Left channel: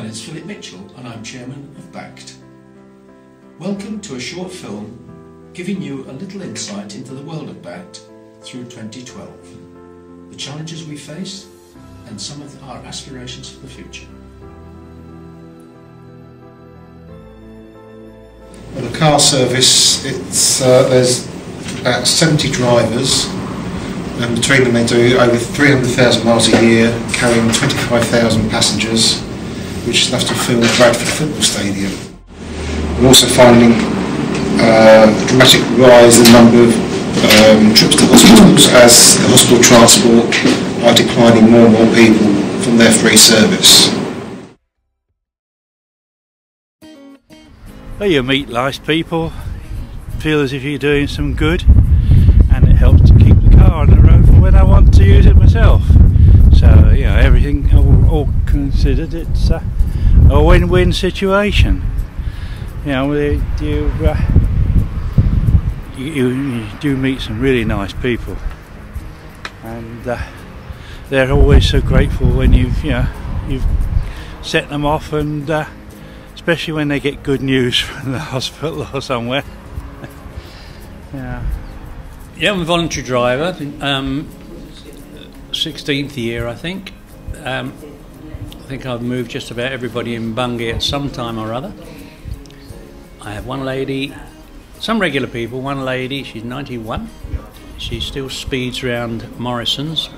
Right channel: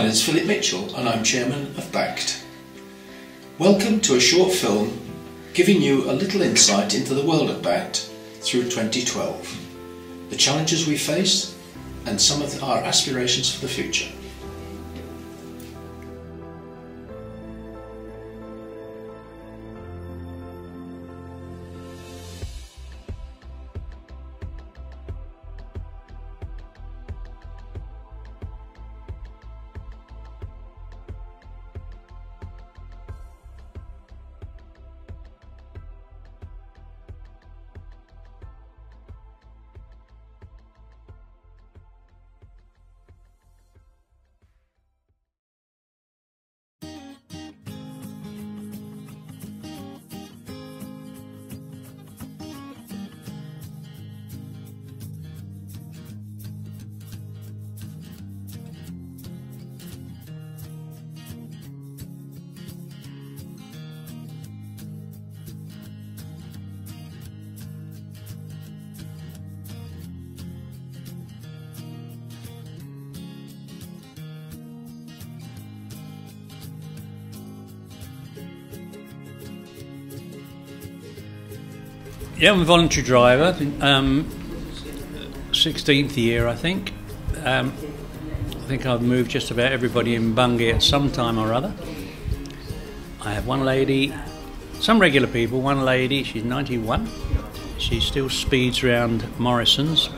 My name is Philip Mitchell and I'm Chairman of BACT. Welcome to a short film giving you a little insight into the world of BACT through 2012, the challenges we face and some of our aspirations for the future. The car service, there's about 70 drivers, and between them they do over 300,000 miles a year, carrying 25,000 passengers, which is enough to fill the Bradford football stadium. We're also finding a dramatic rise in the number of trips to hospitals as the hospital transport are declining more and more people from their free service. Well, you meet nice people, feel as if you're doing some good, and it helps to keep the car on the road for when I want to use it myself. So, you know, everything all considered, it's a win-win situation. You know, you do meet some really nice people, and they're always so grateful when you've set them off, and especially when they get good news from the hospital or somewhere. Yeah, I'm a voluntary driver, 16th year I think. I think I've moved just about everybody in Bungay at some time or other. I have one lady, some regular people, one lady, she's 91. She still speeds around Morrison's.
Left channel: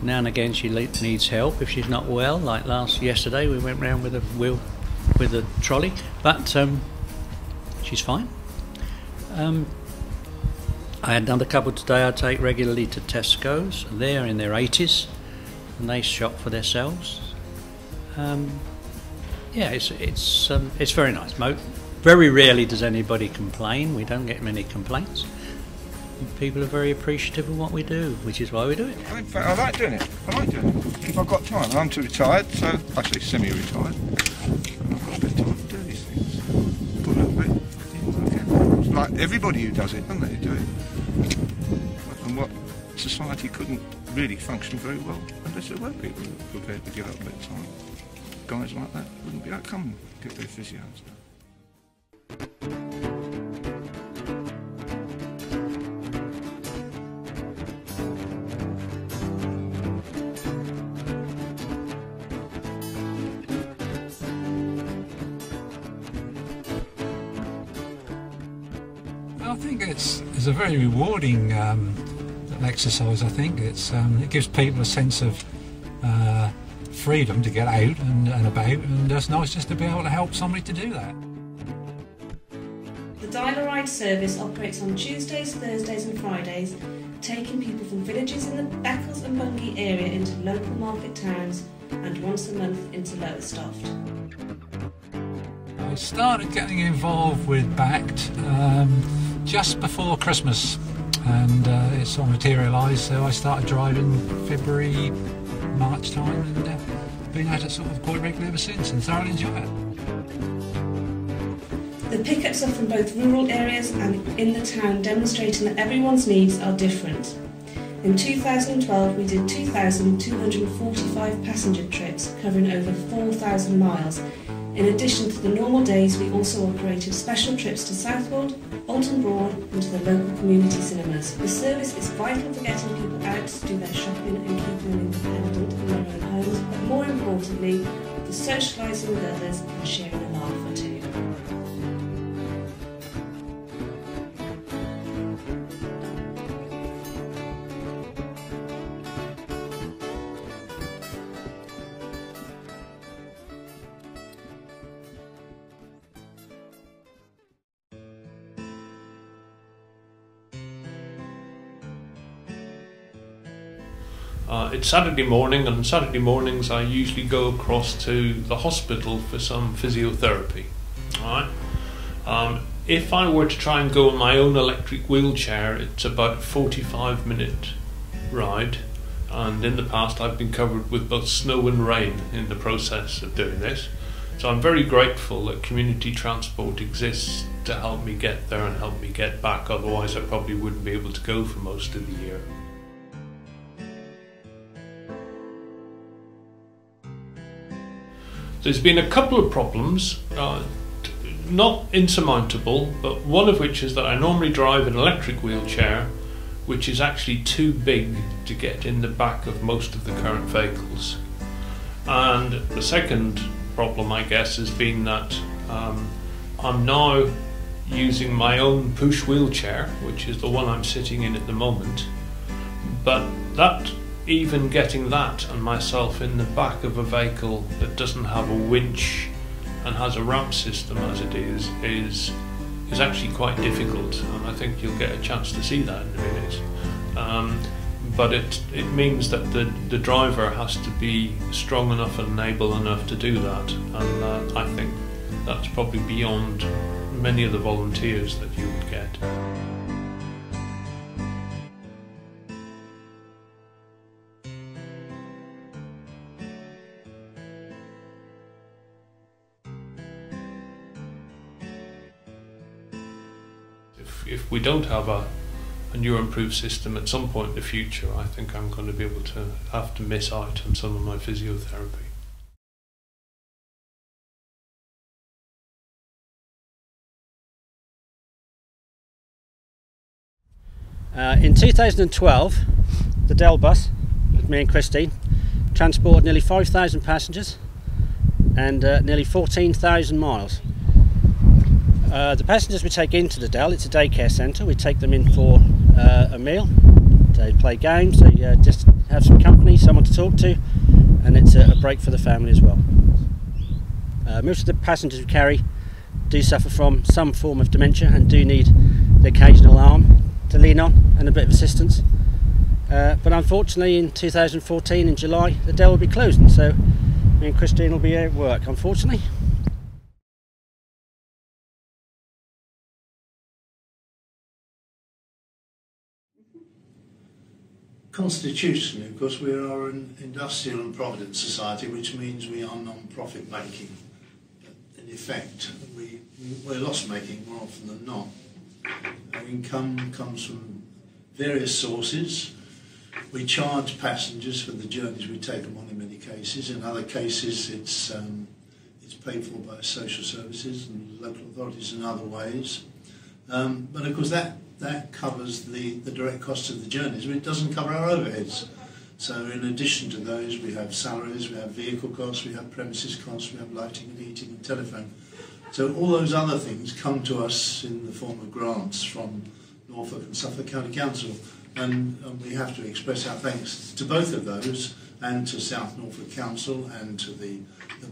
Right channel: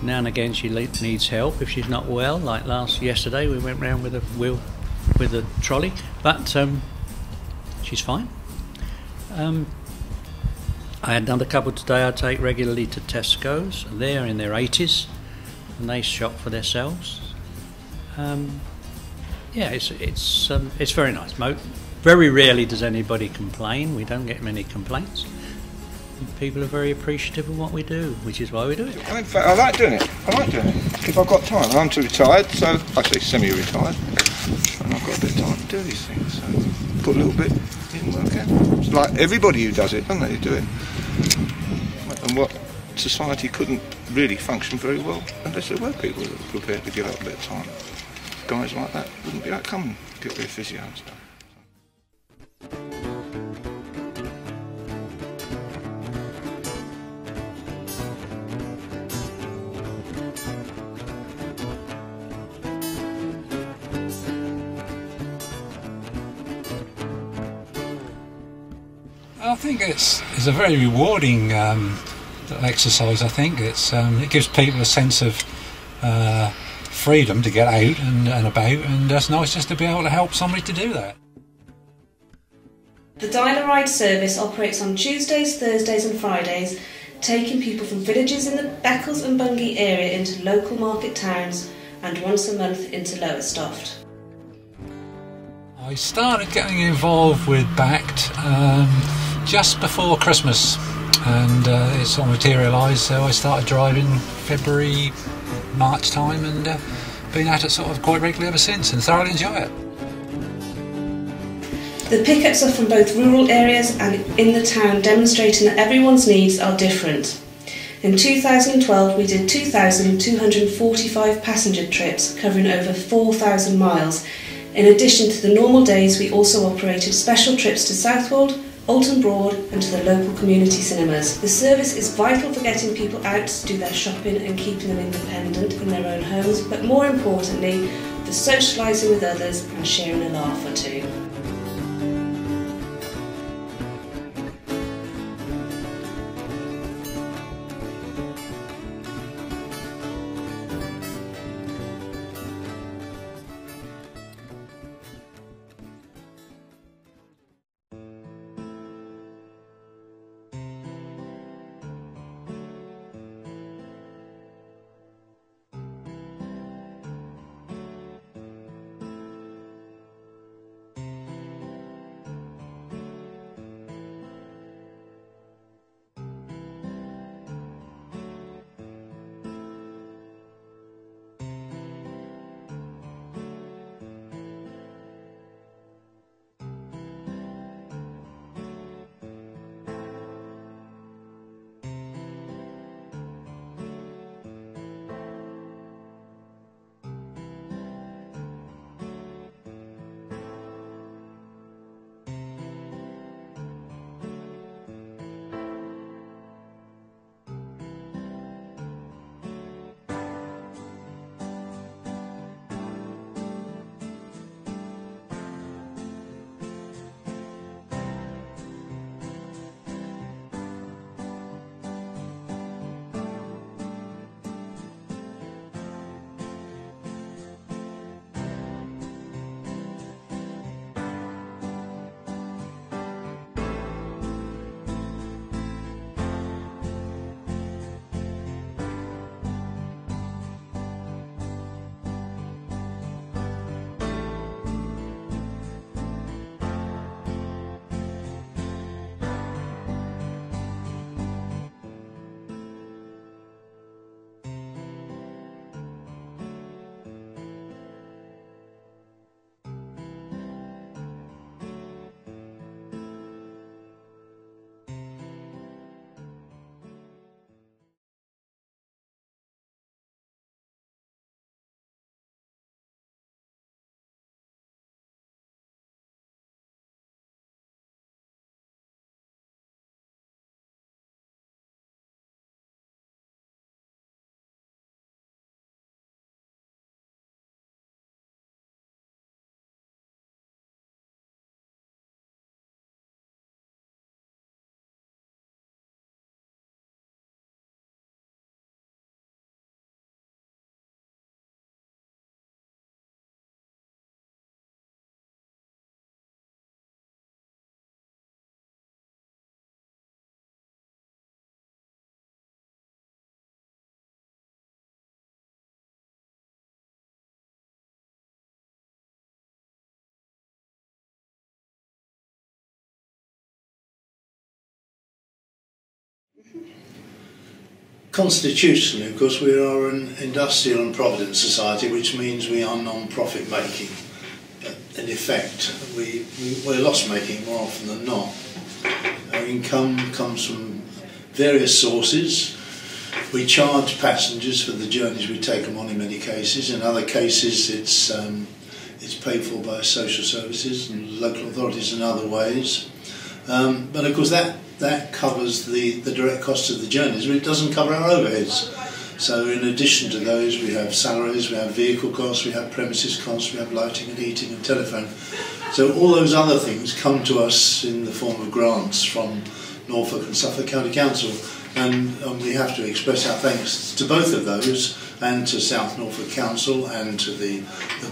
Now and again she needs help if she's not well, like yesterday we went round with a trolley, but she's fine. I had another couple today I take regularly to Tesco's. They're in their 80s and they shop for themselves. Yeah, it's very nice. Very rarely does anybody complain. We don't get many complaints. People are very appreciative of what we do, which is why we do it. In fact, I like doing it. If I've got time. I'm too retired, so I say semi-retired, and I've got a bit of time to do these things. So put a little bit in work out. It's like everybody who does it, doesn't they? Who do it. And what society couldn't really function very well unless there were people who were prepared to give up a bit of time. Guys like that wouldn't be able to come and get their physio and stuff. I think it's a very rewarding exercise. I think it gives people a sense of freedom to get out and about, and it's nice just to be able to help somebody to do that. The Dialer Ride service operates on Tuesdays, Thursdays and Fridays, taking people from villages in the Beccles and Bungay area into local market towns and once a month into Lowestoft. I started getting involved with BACT just before Christmas, and it sort of materialised, so I started driving February, March time, and been at it sort of quite regularly ever since, and thoroughly enjoy it. The pickups are from both rural areas and in the town, demonstrating that everyone's needs are different. In 2012 we did 2,245 passenger trips covering over 4,000 miles. In addition to the normal days, we also operated special trips to Southwold, Alton Broad and to the local community cinemas. The service is vital for getting people out to do their shopping and keeping them independent in their own homes, but more importantly, for socialising with others and sharing a laugh or two. It's Saturday morning, and Saturday mornings I usually go across to the hospital for some physiotherapy. Alright. If I were to try and go on my own electric wheelchair, it's about a 45-minute ride, and in the past I've been covered with both snow and rain in the process of doing this. So I'm very grateful that community transport exists to help me get there and help me get back, otherwise I probably wouldn't be able to go for most of the year. There's been a couple of problems, not insurmountable, but one of which is that I normally drive an electric wheelchair, which is actually too big to get in the back of most of the current vehicles. And the second problem, I guess, has been that I'm now using my own push wheelchair, which is the one I'm sitting in at the moment, but even getting that and myself in the back of a vehicle that doesn't have a winch and has a ramp system as it is actually quite difficult, and I think you'll get a chance to see that in a minute. But it means that the driver has to be strong enough and able enough to do that, and I think that's probably beyond many of the volunteers that you would get. If we don't have a new improved system at some point in the future, I think I'm going to be able to have to miss out on some of my physiotherapy. In 2012, the Dell bus, with me and Christine, transported nearly 5,000 passengers and nearly 14,000 miles. The passengers we take into the Dell, it's a daycare centre. We take them in for a meal, they play games, they just have some company, someone to talk to, and it's a break for the family as well. Most of the passengers we carry do suffer from some form of dementia and do need the occasional arm to lean on and a bit of assistance. But unfortunately in 2014 in July the Dell will be closing, so me and Christine will be out at work, unfortunately. Constitutionally, of course, we are an industrial and provident society, which means we are non-profit making. But in effect, we're loss making more often than not. Our income comes from various sources. We charge passengers for the journeys we take them on in many cases. In other cases, it's paid for by social services and local authorities in other ways. But of course, that covers the direct costs of the journeys, but it doesn't cover our overheads. So in addition to those, we have salaries, we have vehicle costs, we have premises costs, we have lighting and heating and telephone. So all those other things come to us in the form of grants from Norfolk and Suffolk County Council, and we have to express our thanks to both of those, and to South Norfolk Council and to the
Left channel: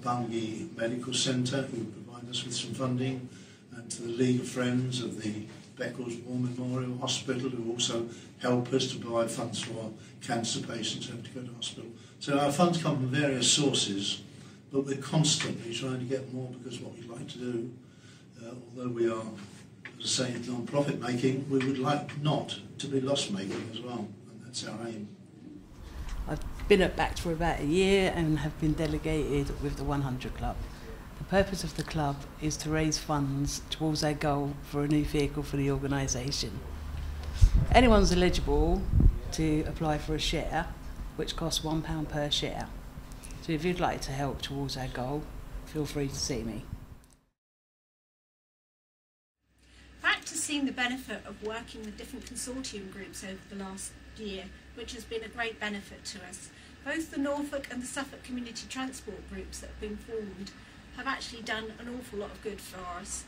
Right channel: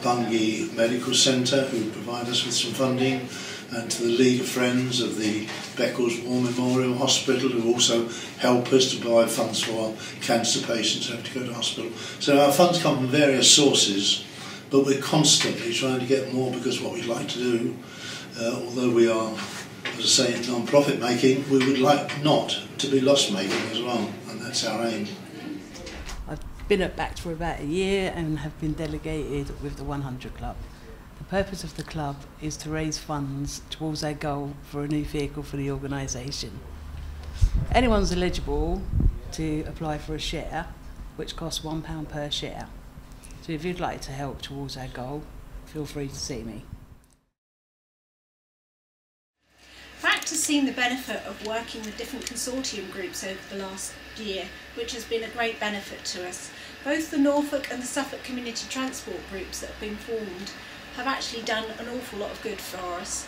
Bungay Medical Centre, who provide us with some funding, and to the League of Friends of the Beccles War Memorial Hospital, who also help us to provide funds for cancer patients who have to go to hospital. So our funds come from various sources, but we're constantly trying to get more, because what we'd like to do, although we are, as I say, non-profit making, we would like not to be loss making as well, and that's our aim. I've been at BACT for about a year and have been delegated with the 100 Club. The purpose of the club is to raise funds towards our goal for a new vehicle for the organisation. Anyone's eligible to apply for a share, which costs £1 per share. So if you'd like to help towards our goal, feel free to see me. BACT has seen the benefit of working with different consortium groups over the last year, which has been a great benefit to us. Both the Norfolk and the Suffolk community transport groups that have been formed have actually done an awful lot of good for us.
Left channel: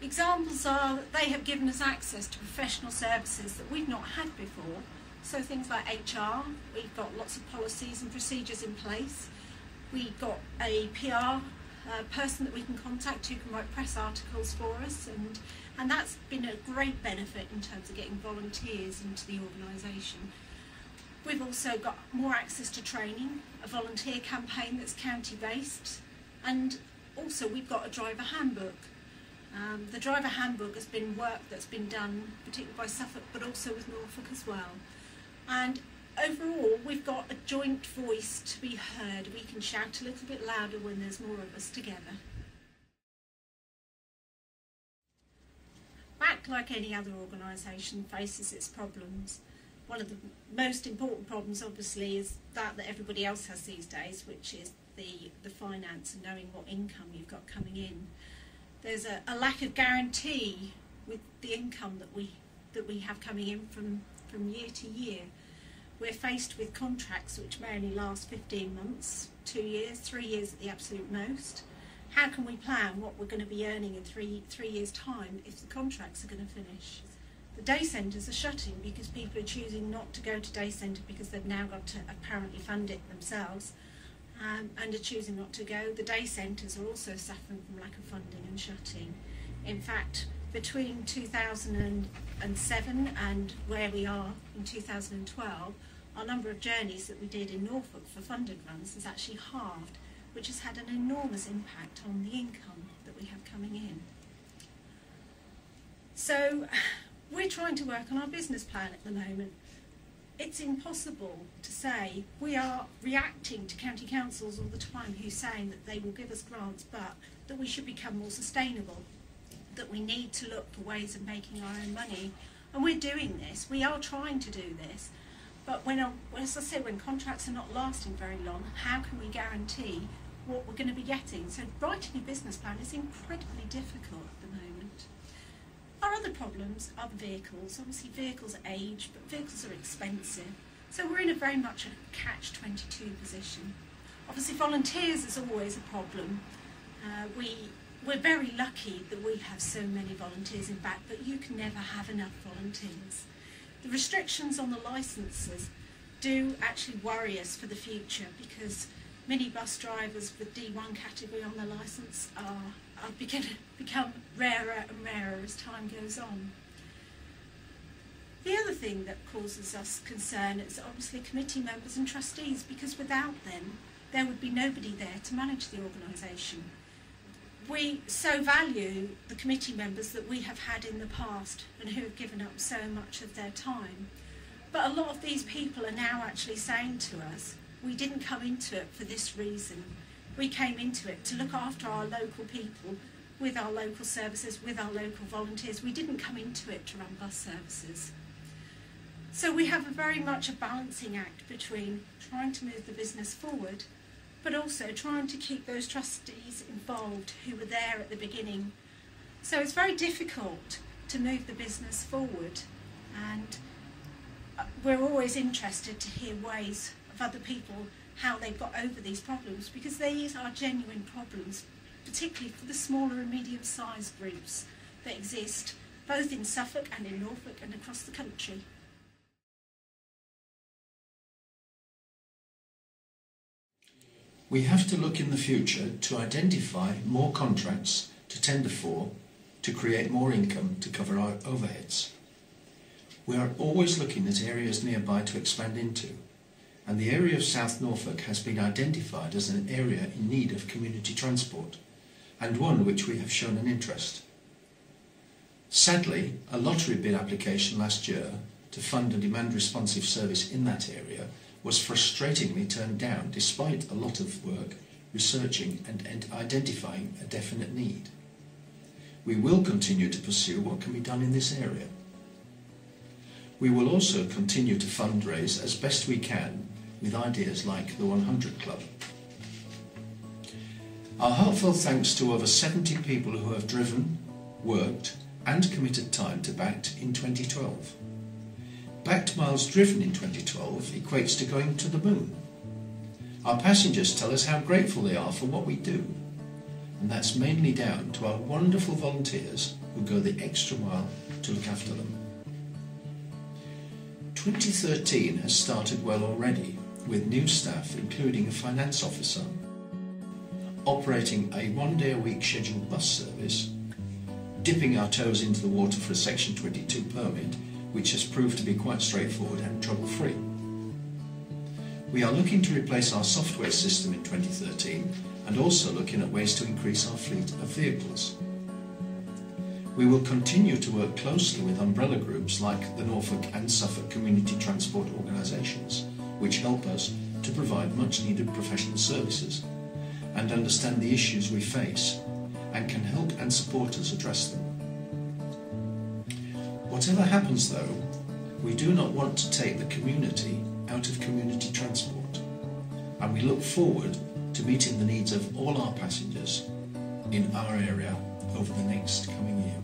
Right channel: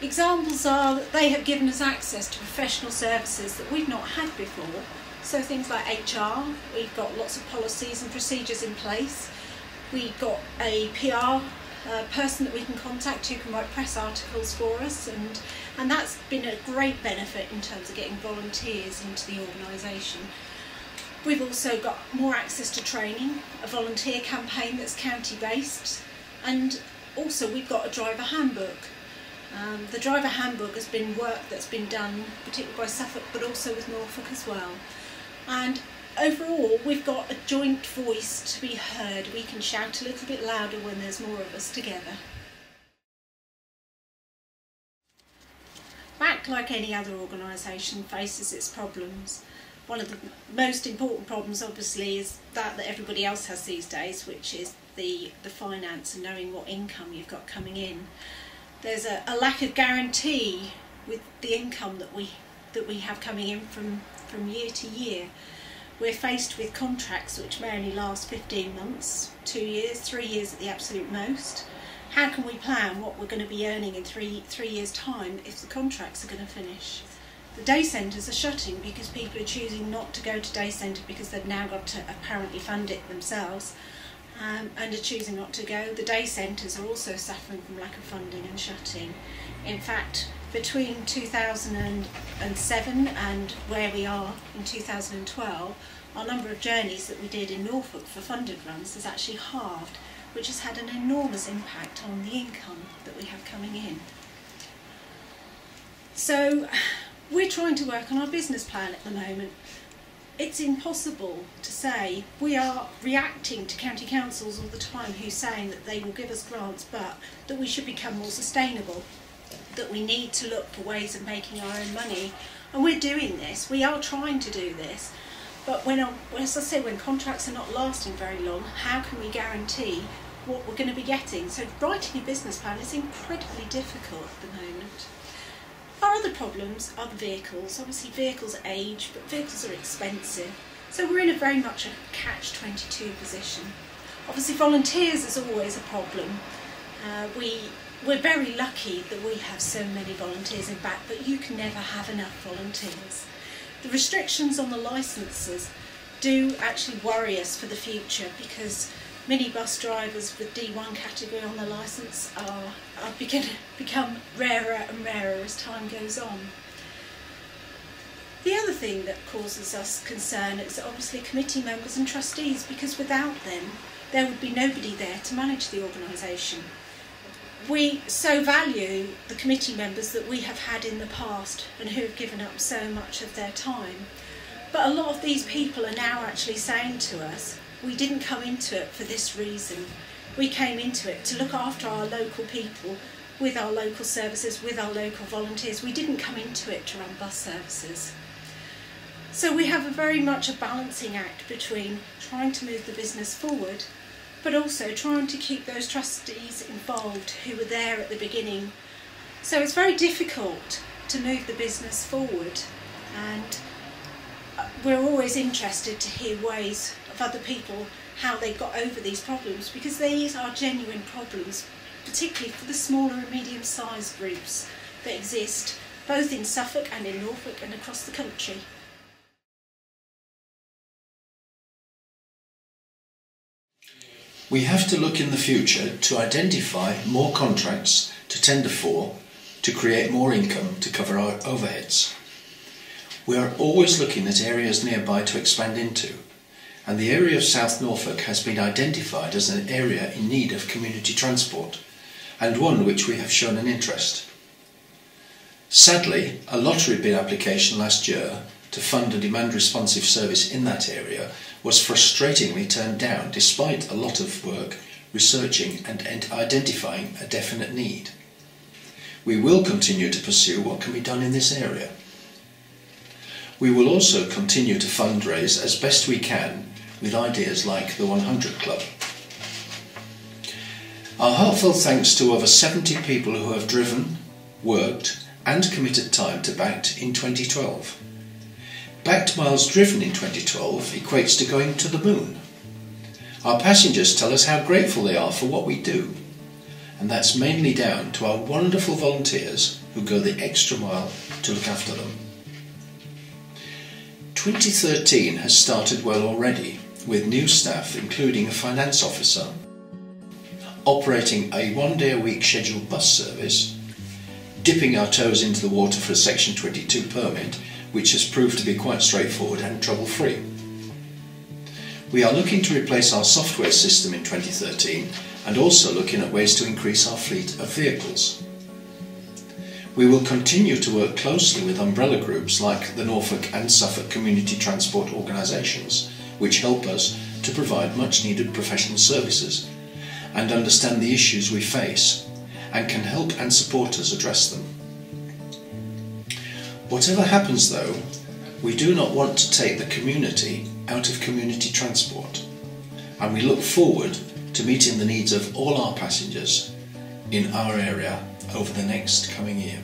Examples are that they have given us access to professional services that we've not had before. So things like HR, we've got lots of policies and procedures in place. We've got a PR person that we can contact who can write press articles for us, and that's been a great benefit in terms of getting volunteers into the organisation. We've also got more access to training, a volunteer campaign that's county based, and also we've got a driver handbook. The driver handbook has been work that's been done particularly by Suffolk, but also with Norfolk as well. And overall, we've got a joint voice to be heard. We can shout a little bit louder when there's more of us together. BACT, like any other organisation, faces its problems. One of the most important problems, obviously, is that everybody else has these days, which is the finance and knowing what income you've got coming in. There's a lack of guarantee with the income that we have coming in from year to year. We're faced with contracts which may only last 15 months, 2 years, 3 years at the absolute most. How can we plan what we're going to be earning in three years' time if the contracts are going to finish? The day centres are shutting because people are choosing not to go to day centre because they've now got to apparently fund it themselves, and are choosing not to go. The day centres are also suffering from lack of funding and shutting. In fact, between 2007 and where we are in 2012, our number of journeys that we did in Norfolk for funded runs has actually halved, which has had an enormous impact on the income that we have coming in. So we're trying to work on our business plan at the moment. It's impossible to say. We are reacting to county councils all the time who's saying that they will give us grants, but that we should become more sustainable, that we need to look for ways of making our own money. And we're doing this, we are trying to do this, but as I say, when contracts are not lasting very long, how can we guarantee what we're going to be getting? So writing a business plan is incredibly difficult at the moment. Our other problems are the vehicles. Obviously vehicles age, but vehicles are expensive. So we're in a very much a catch-22 position. Obviously volunteers is always a problem. We're very lucky that we have so many volunteers in BACT, but you can never have enough volunteers. The restrictions on the licences do actually worry us for the future, because minibus drivers with D1 category on the licence are beginning to become rarer and rarer as time goes on. The other thing that causes us concern is obviously committee members and trustees, because without them there would be nobody there to manage the organisation. We so value the committee members that we have had in the past and who have given up so much of their time, but a lot of these people are now actually saying to us, we didn't come into it for this reason. We came into it to look after our local people, with our local services, with our local volunteers. We didn't come into it to run bus services. So we have very much a balancing act between trying to move the business forward, but also trying to keep those trustees involved who were there at the beginning. So it's very difficult to move the business forward, and we're always interested to hear ways of other people, how they got over these problems, because these are genuine problems, particularly for the smaller and medium-sized groups that exist both in Suffolk and in Norfolk and across the country. We have to look in the future to identify more contracts to tender for, to create more income to cover our overheads. We are always looking at areas nearby to expand into, and the area of South Norfolk has been identified as an area in need of community transport, and one which we have shown an interest. Sadly, a lottery bid application last year to fund a demand responsive service in that area was frustratingly turned down, despite a lot of work researching and identifying a definite need. We will continue to pursue what can be done in this area. We will also continue to fundraise as best we can with ideas like the 100 Club. Our heartfelt thanks to over 70 people who have driven, worked and committed time to BACT in 2012. BACT miles driven in 2012 equates to going to the moon. Our passengers tell us how grateful they are for what we do, and that's mainly down to our wonderful volunteers who go the extra mile to look after them. 2013 has started well already, with new staff including a finance officer, operating a one-day-a-week scheduled bus service, dipping our toes into the water for a Section 22 permit, which has proved to be quite straightforward and trouble-free. We are looking to replace our software system in 2013 and also looking at ways to increase our fleet of vehicles. We will continue to work closely with umbrella groups like the Norfolk and Suffolk community transport organisations, which help us to provide much needed professional services and understand the issues we face and can help and support us address them. Whatever happens though, we do not want to take the community out of community transport, and we look forward to meeting the needs of all our passengers in our area over the next coming year.